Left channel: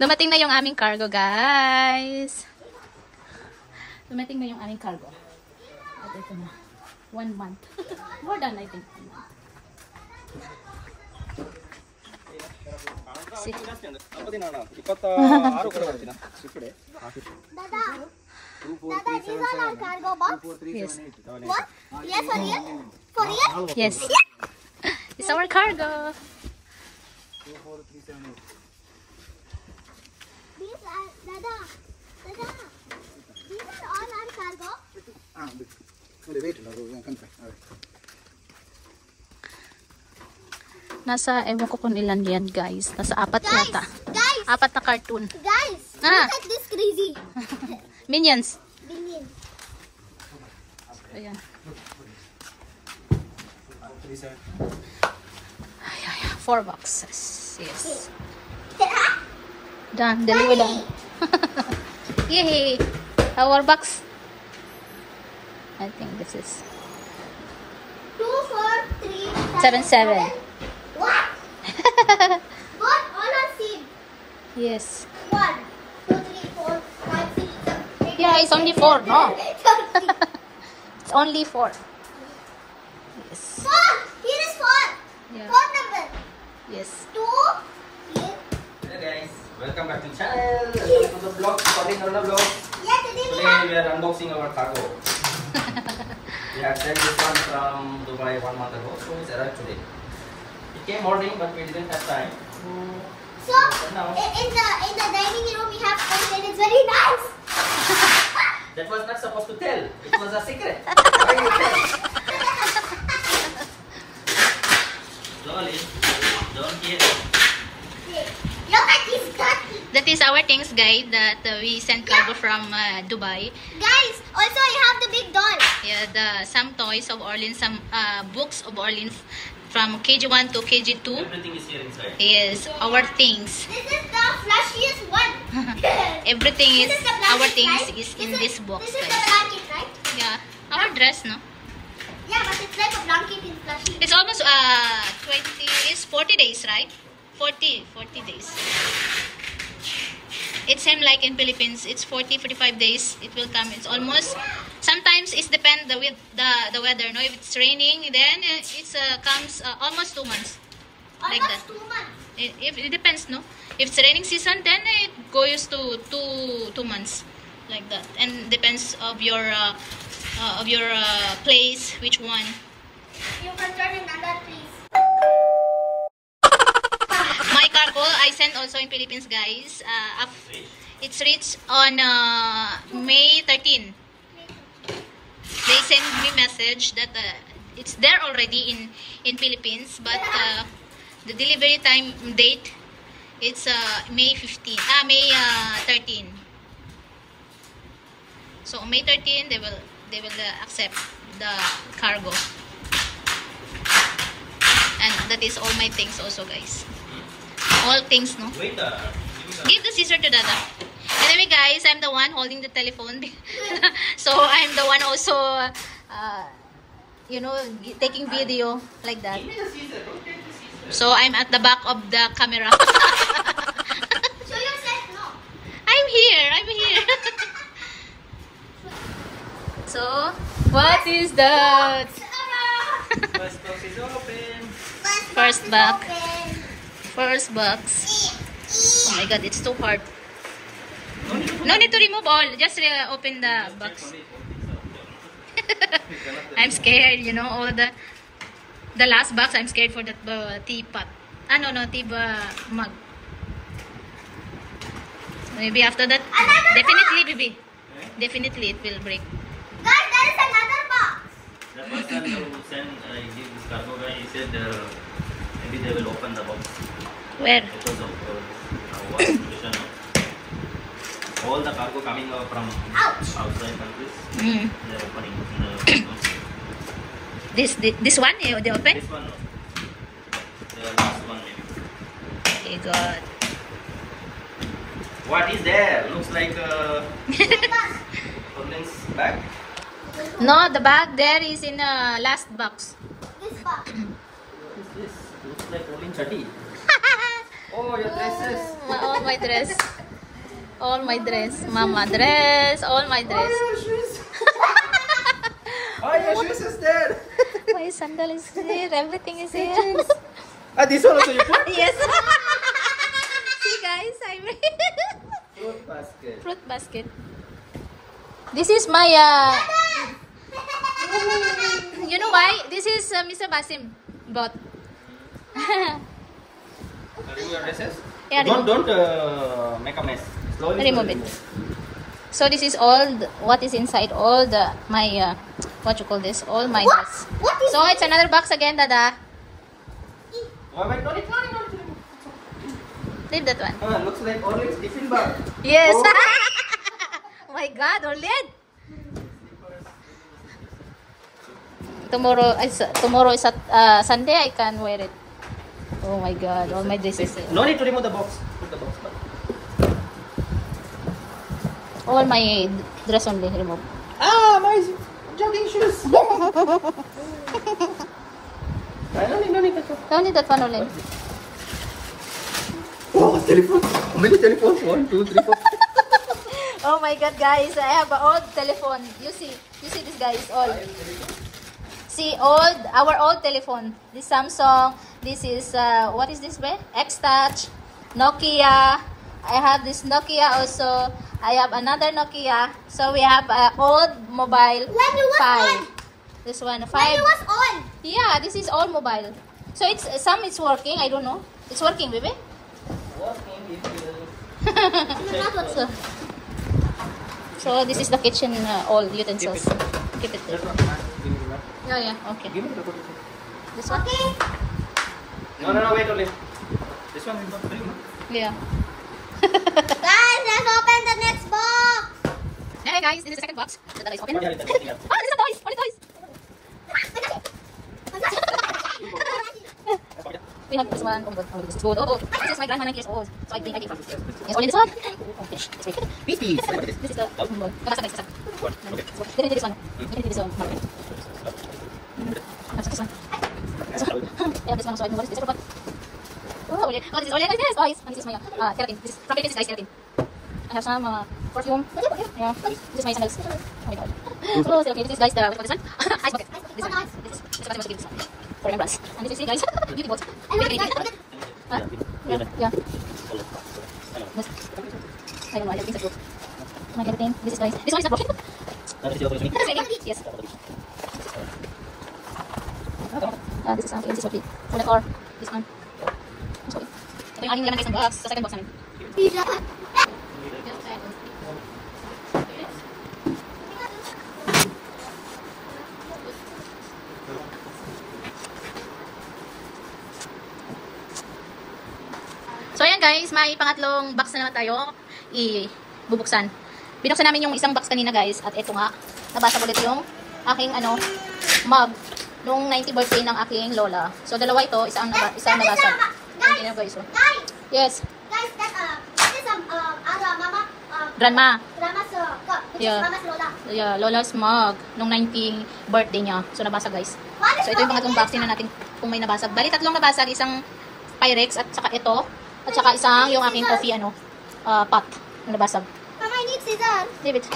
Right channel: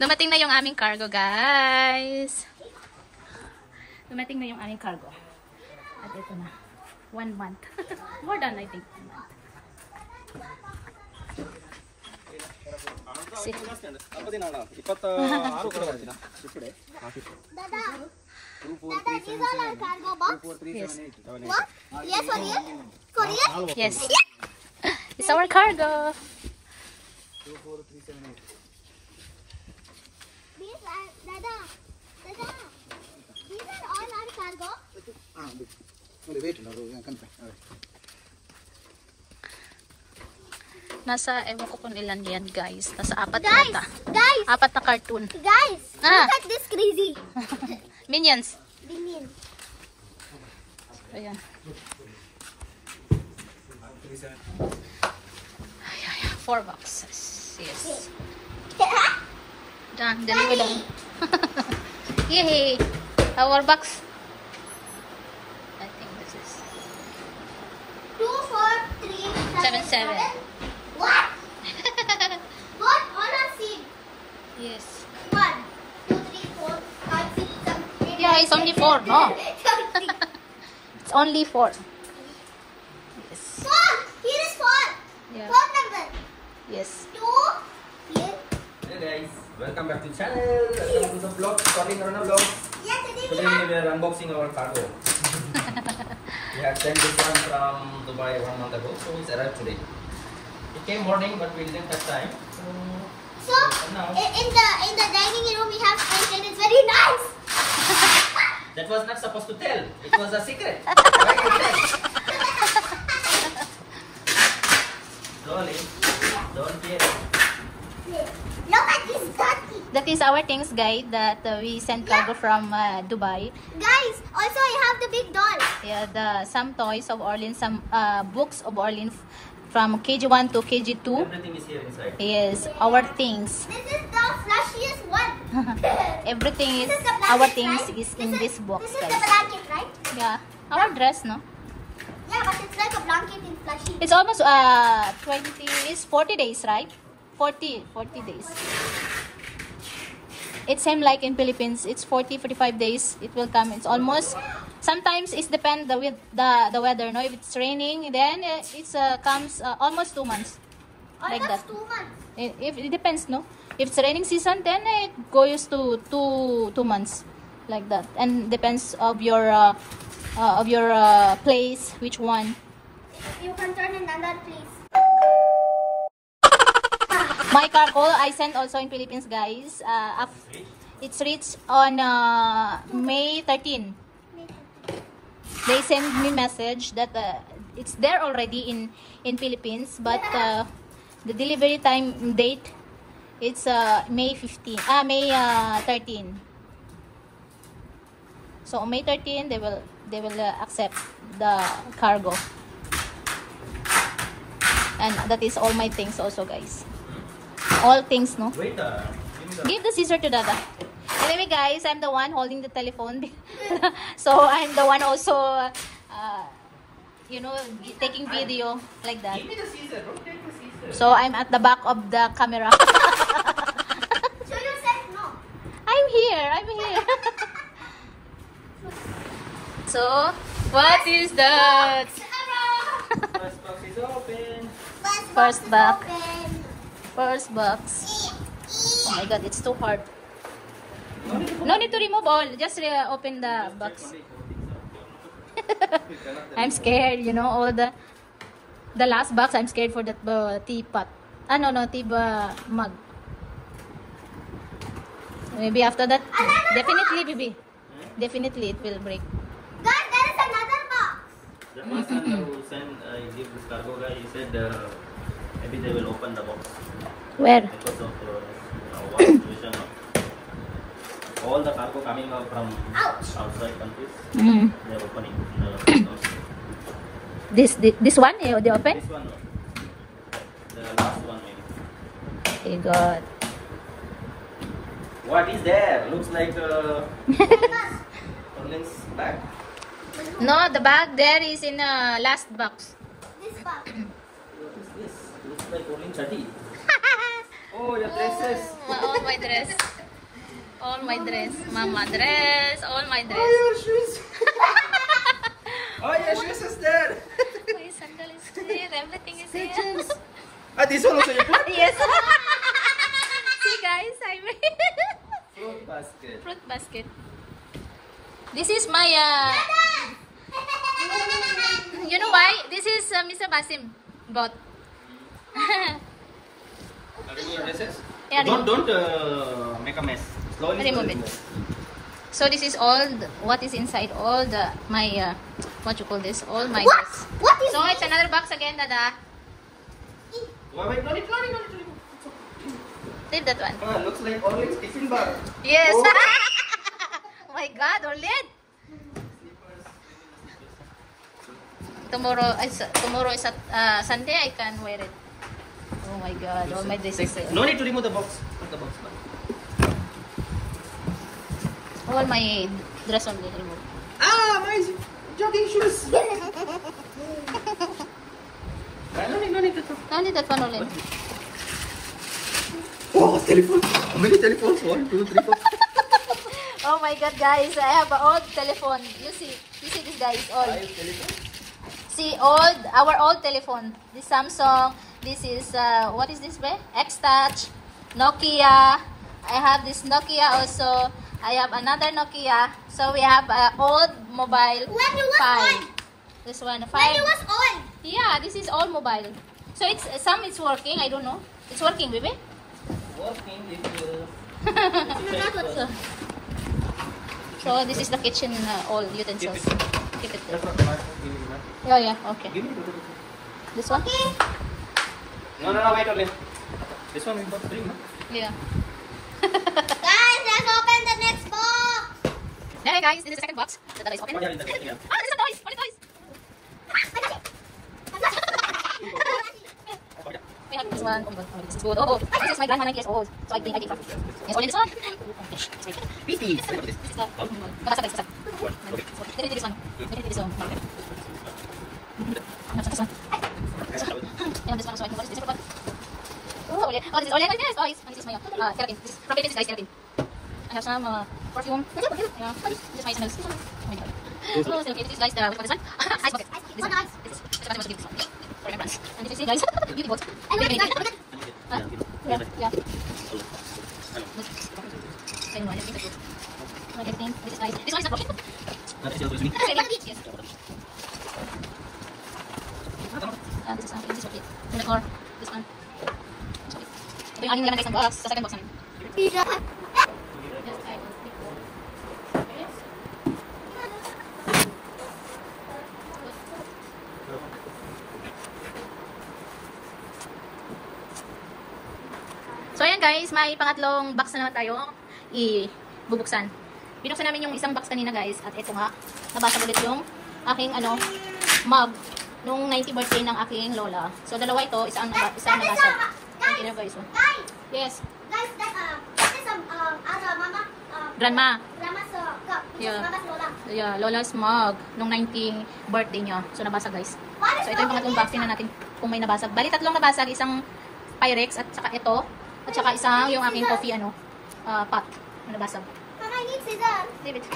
Dumating na yung aming cargo, guys. Dumating na yung aming cargo. At ito na. 1 month. More than, I think, 1 month. See. Dada, these are our cargo box? Yes. What? Yes, for real? For real? Yes. It's our cargo. These are, Dada, these are all our cargo? Nasa, ewan ko kung ilan yan, guys. Nasa 4 yata. Guys! 4 na cartoon. Guys! Ah. Look at this crazy. Minions. Billion. Ayan. 4 boxes. Yes. Done. Deliver done. Yay! Our box. I think this is 2, 4, 3, 7, 7. What? What? All are seed. Yes. 1, 2, 3, 4, 5, 6, 7, 8. Yeah, it's only 4. No. 13. It's only 4. Yes. 4. Here is 4. Yeah. 4 number. Yes. 2. Here. Hey guys, welcome back to the channel. Welcome to the vlog, starting Aruna vlog. Yeah, today we Today have. we are unboxing our cargo. We have sent this one from Dubai 1 month ago, so it's arrived today. It came morning, but we didn't have time. So in the dining room we have food and it's very nice. That was not supposed to tell. It was a secret. Why you tell? Slowly, don't get. Look at this cut. That is our things, guys, that we sent cargo from Dubai. Guys, also I have the big doll. Yeah, some toys of Orlin, some books of Orlin from KG1 to KG2. Everything is here inside. Yes, our things. This is the flashiest one. Everything is This is the our blanket, things right? is in this box, This is the guys. blanket, right? Yeah, our dress, no? Yeah, but it's like a blanket in flashy. It's almost 40 days, right? 40 days. It's same like in Philippines. It's 45 days. It will come. It's almost. Sometimes it's depend with the weather. No, if it's raining, then it's comes almost 2 months. Like that. Almost 2 months. If it depends, no. If it's raining season, then it goes to 2 months, like that. And depends of your place, which one. You can turn another please. My cargo I sent also in Philippines, guys. It's reached on May 13. They sent me message that it's there already in Philippines, but the delivery time date it's May 13. So on May 13 they will accept the cargo, and that is all my things also, guys. All things, no? Wait, Give the scissor to Dada. Anyway, guys, I'm the one holding the telephone. So, I'm the one also, taking video like that. give me the scissor. Don't take the scissor. So, I'm at the back of the camera. Show yourself, no. I'm here. So, what is that? First box is open. First box. Open. First box. Oh my god, it's too hard. No need to remove all. Just open the box. I'm scared, all the last box. I'm scared for that teapot. No, tea mug. Maybe after that, definitely, baby. Definitely, it will break. Guys, there is another box. The first time who sent, I give this cargo guy, he said maybe they will open the box Where? because of what situation. All the cargo coming from Ouch. outside countries, Mm. they are opening This one, they open? this one, no. The last one maybe. Okay, God. What is there? Looks like Orlin's bag. No, the bag there is in the last box. This box. What is this? Looks like Orlin chatti. Oh, your dresses. All my dress. All my dress. Mama dress. All my dress. Your shoes. Oh, your shoes is there. My sandal is here. Everything is here. Ah, this one also you put? Yes. See guys, I made Fruit basket. fruit basket. This is my you know why? This is Mr. Basim bought. Remove your dresses. Yeah, Don't make a mess. Slowly. Remove it. So this is all what is inside all the my what you call this? All my dress. What is So it's another box again, Dada. Wait, no, Leave that one. looks like orange tiffin bag. Yes. Oh. Oh my God, Orlid. Tomorrow is Sunday. I can wear it. Oh my God, all my dresses here. No need to remove the box. Put the box back. All my dress only remove. Ah, my jogging shoes. No need. Only that one only. Oh, telephone. How many telephones? 1, 2, 3, 4. Oh my God, guys, I have an old telephone. You see this guy is old. See, our old telephone. This Samsung. This is what is this way? X-Touch, Nokia. I have this Nokia also. I have another Nokia. So we have old mobile. When you was 5. on? This one When 5. it was on? Yeah, this is old mobile. So it's some it's working. I don't know. It's working, baby. Working if Not what. So this is the kitchen all utensils. Keep it there. Yeah, okay. Give me the This one? No, wait only. This one is not free. Yeah. Guys, let's open the next box. Hey guys, this is the second box. The dada is open. What are you doing? Oh, this is toys! Only toys! We have this one. Oh my God, this is good. Oh, this is my grandma 9 years old. So I bring from. Yes, only this one. Beasties. This is the kabasa guys. Okay. Look at this one. Look at this one. This one. I have this one also. What is this? Oh, yeah. Oh, this is all guys. Toys. And this is my keratin. This is from Philippines, guys, keratin. I have some perfume. Yeah. This is my sandals. Oh my God. Oh, so okay. This is guys the what is this one? Ice bucket. This one. This is what I must give this one. For remembrance. And this is guys. Beauty box. Yeah. Yeah. I don't know. I like this. My keratin. This is guys. This one is not broken. Yes. This is this is okay. For the car. This one. Sorry. Ito yung aking naman guys ng box. Sa second box namin. So ayan guys, may pangatlong box na naman tayo ibubuksan. Binuksan namin yung isang box kanina guys at ito nga, nabasa ulit yung aking mug nung 90th birthday ng aking lola. So dalawa ito, isang nabasag. Ayan guys. So. Guys, Yes, that is mama, grandma. grandma's cup. Which Yeah. is mama's Lola. Yeah, lola's mug nung 90th birthday niya. So nabasag guys. What is So ito yung pangatlong box na natin kung may nabasag. Bali tatlong nabasag, isang Pyrex at saka ito. At saka isang yung aking coffee pot na nabasag. Mama, I need scissors. Leave it.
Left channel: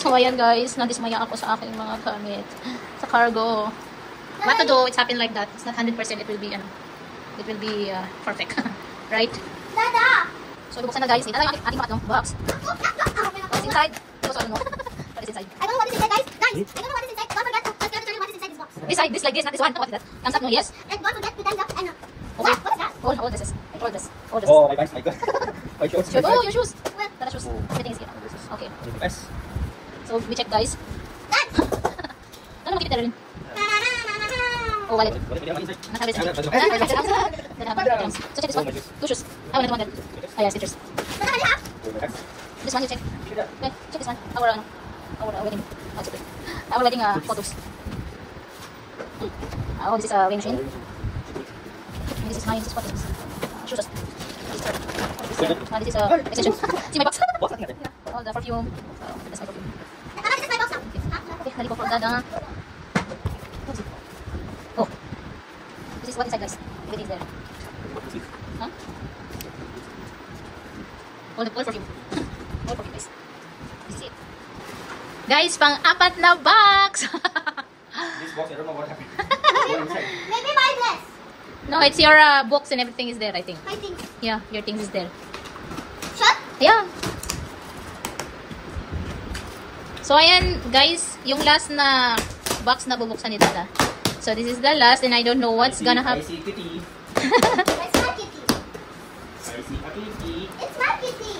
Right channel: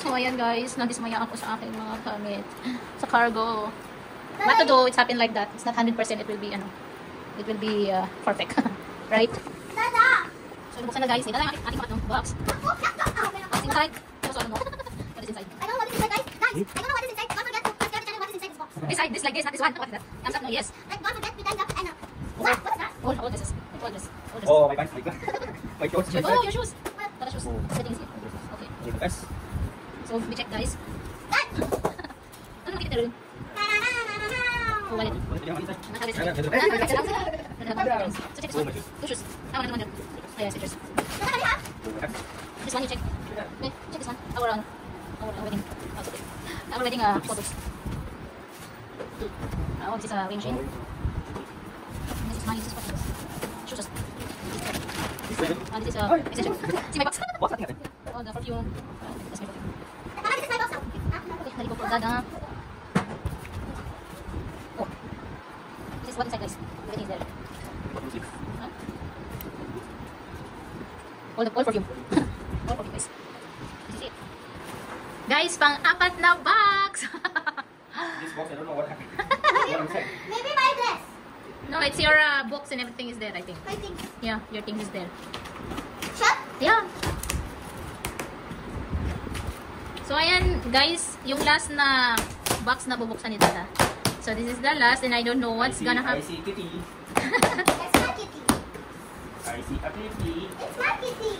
So ayan guys, nadismaya ako sa aking mga gamit sa cargo. What to do, it's happened like that. It's not 100% it will be it will be perfect. Right? Dada. So buksan na guys. Ito lang yung ating pangatlong box. What's inside? So I don't know. What is inside? I don't know what is inside, guys. Guys, I don't know what is inside. Don't forget to tell me what is inside this box. This side, this like this, not this one. What is that? Thumbs up, no, yes. And don't forget to times up and Okay. what is that? All this is. All this. Oh, my God. My shoes. Oh, your shoes. What? Tara shoes. Everything is here. Okay. Yes. So we check guys. Ano makikita rin? Oh, wallet. So check this one. 2 shoes. I want that. Oh, yeah, stitchers. This one you check. Okay, check this one. Our wedding. Oh, it's okay. Our wedding photos. Oh, this is a weighing machine. And this is my what is this? Shoes. This is extension. See my box. Yeah, all the perfume. That's my perfume. Mama, this is my box now. Okay, nali ko for Dada. Oh. This is what inside guys. Everything is there. Huh? All for you. All for you guys. This is it. Guys, pang-apat na box. This box, I don't know what happened. What inside? Maybe my dress. No, it's your books and everything is there, I think. I think. Yeah, your things is there. Shut. Yeah. So, ayan, guys, yung last na box na bubuksan ni Dada. So, this is the last and I don't know what's gonna happen. I see kitty. It's my kitty. I see a kitty. It's my kitty.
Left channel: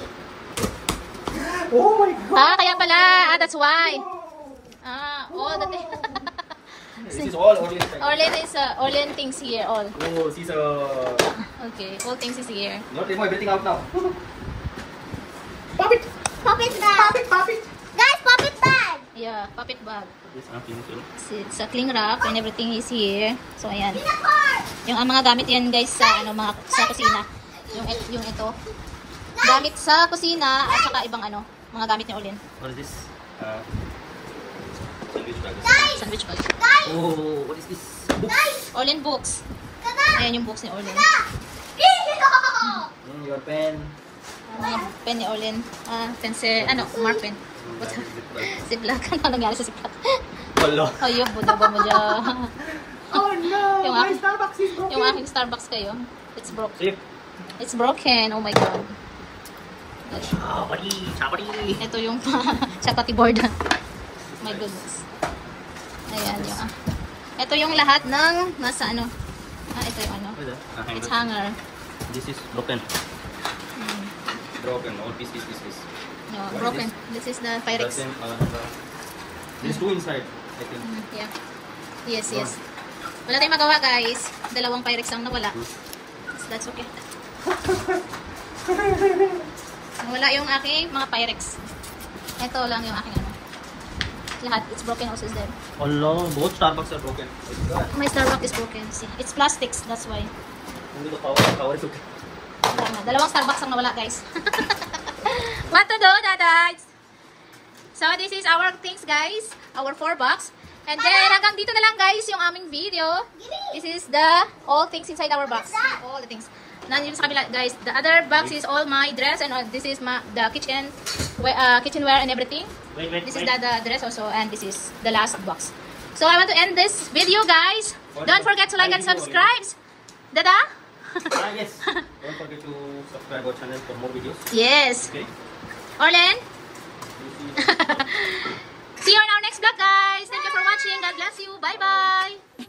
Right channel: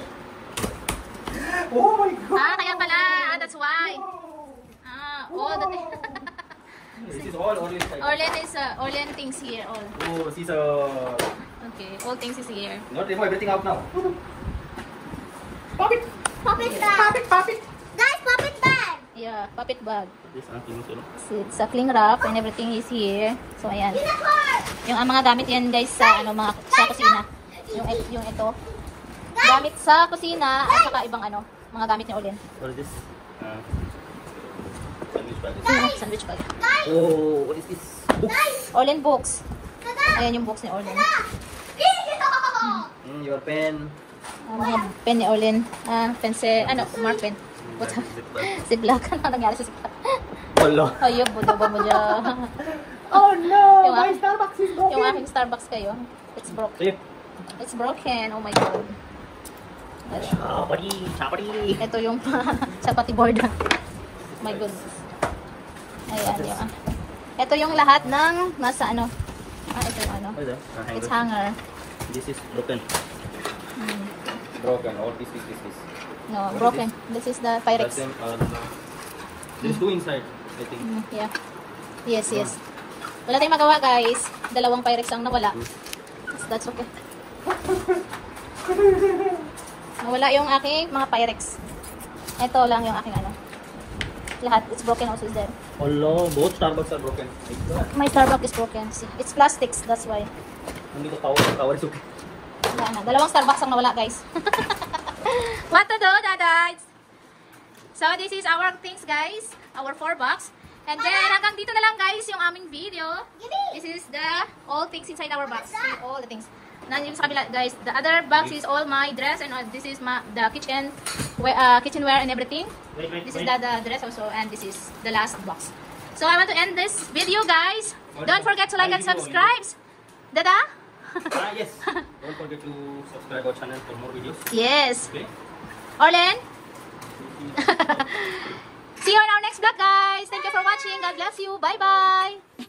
Oh my god. Ah, kaya pala. Ah, that's why. Ah, all the This is all Orlean side. Orlean things here, all. Oh, she's a... Okay, all things is here. Not remove everything out now. Pop it bag. Pop it. Guys, pop it bag. Yeah, puppet bag. This It's a cling wrap and everything is here. So, ayan. Peanut bar. Yung mga gamit yan, guys, sa sa kusina. Yung ito. Gamit sa kusina at saka ibang mga gamit ni Orlean. What is this? Sandwich bag. Sandwich bag. Oh, what is this? Books. Orlean books. Dada. Ayan yung books ni Orlean. Your pen. Yung pen ni Orlean. Pencil, mark pen. What's Ziploc. Ano nangyari sa Ziploc? Wala. Ayun, budo ba mo dyan? Oh no, Yung my aking- Starbucks is broken. Yung aking Starbucks kayo. It's broken. See? It's broken. Oh my God. Chapati. Ito yung chapati board. My goodness. Ayan yung ito yung lahat ng nasa ito yung What is that? it's hanger. This is broken. Broken. All piece. No, What is broken. This is the Pyrex. There is two inside, I think. Yeah. Yes. Wala tayong magawa, guys. Dalawang Pyrex ang nawala. That's okay. Nawala yung aking mga Pyrex. Ito lang yung aking lahat. It's broken also is there. Oh no, both Starbucks are broken. My Starbucks is broken. See, it's plastics. That's why. Only the power is okay. Wala na. Dalawang Starbucks ang nawala, guys. What to do, Dads? So, this is our things, guys. Our 4 box. And then, hanggang dito na lang, guys, yung aming video. This is the all things inside our box. See, all the things. Nandito sa kabila, guys. The other box is all my dress. And this is the kitchenware and everything. This is the dress also. And this is the last box. So, I want to end this video, guys. Don't forget to like and subscribe. Dada? Yes. Don't forget to subscribe our channel for more videos. Yes. Okay. Orlean? See you on our next vlog, guys. Thank you for watching. God bless you. Bye-bye.